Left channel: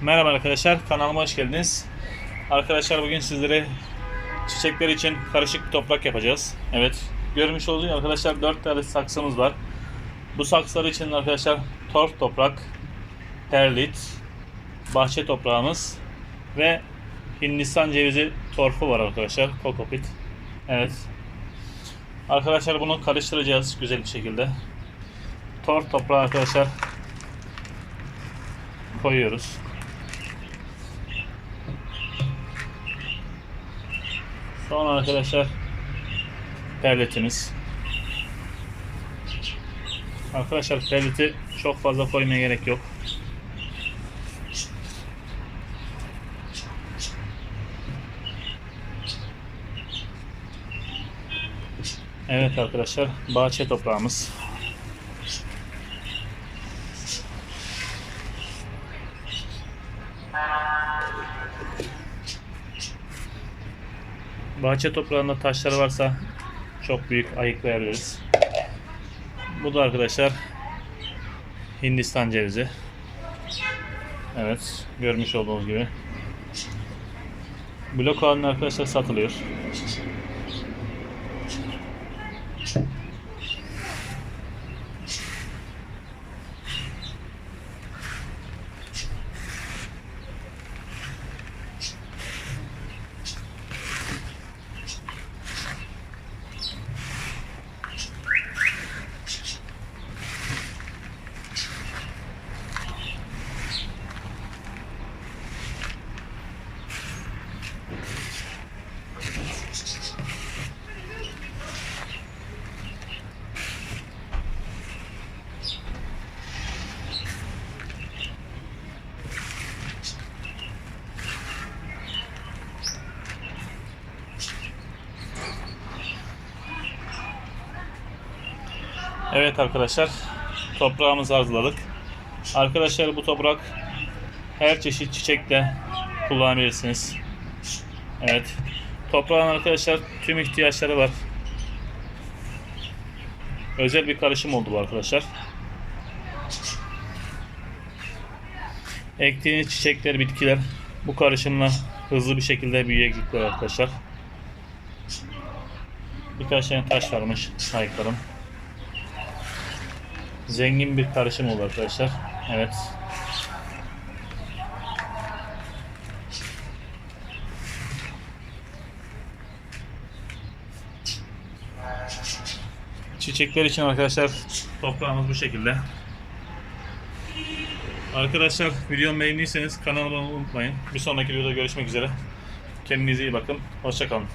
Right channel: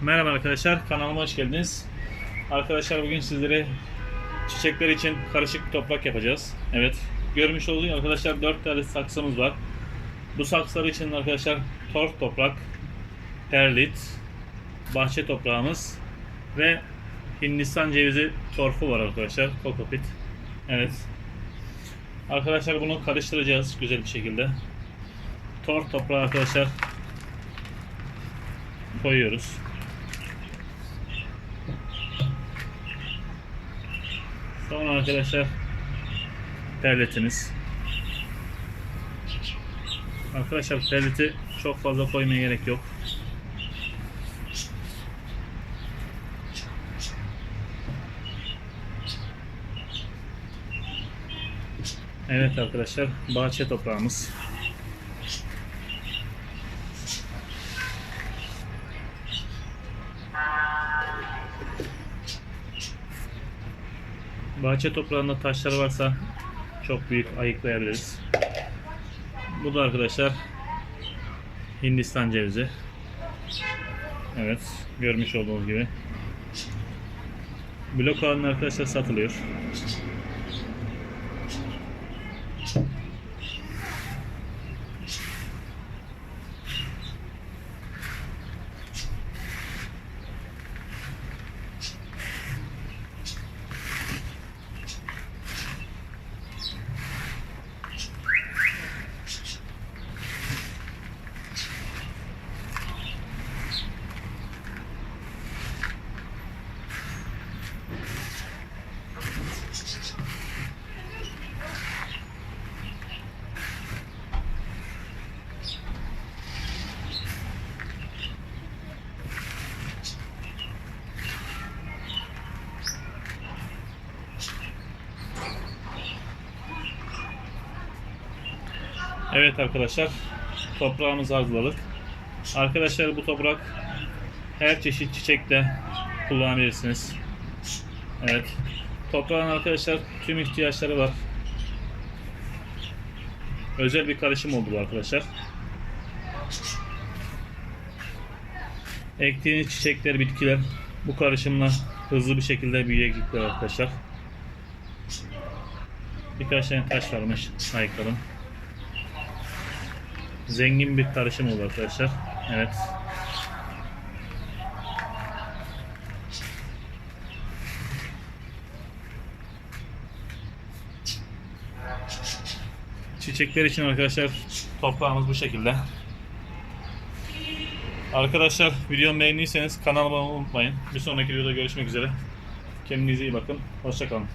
Merhaba arkadaşlar, kanalıma hoş geldiniz. Arkadaşlar bugün sizlere çiçekler için karışık bir toprak yapacağız. Evet, görmüş olduğunuz arkadaşlar 4 tane saksımız var. Bu saksılar için arkadaşlar torf toprak, perlit, bahçe toprağımız ve Hindistan cevizi torfu var arkadaşlar, kokopit. Evet. Arkadaşlar bunu karıştıracağız güzel bir şekilde. Torf toprağı arkadaşlar koyuyoruz. Sonra arkadaşlar perletimiz. Arkadaşlar perleti çok fazla koymaya gerek yok. Evet arkadaşlar bahçe toprağımız. Bahçe toprağında taşlar varsa çok büyük ayıklayabiliriz. Bu da arkadaşlar Hindistan cevizi. Evet, görmüş olduğunuz gibi. Blok halinde arkadaşlar satılıyor. Evet arkadaşlar, toprağımızı hazırladık. Arkadaşlar bu toprak her çeşit çiçekte kullanabilirsiniz. Evet. Toprağın arkadaşlar tüm ihtiyaçları var. Özel bir karışım oldu bu arkadaşlar. Ektiğiniz çiçekler, bitkiler bu karışımla hızlı bir şekilde büyüyecekler arkadaşlar. Birkaç tane taş varmış ayıklarım. Zengin bir karışım oldu arkadaşlar. Evet. Çiçekler için arkadaşlar toprağımız bu şekilde. Arkadaşlar videomu beğendiyseniz kanalıma unutmayın. Bir sonraki videoda görüşmek üzere. Kendinize iyi bakın. Hoşçakalın.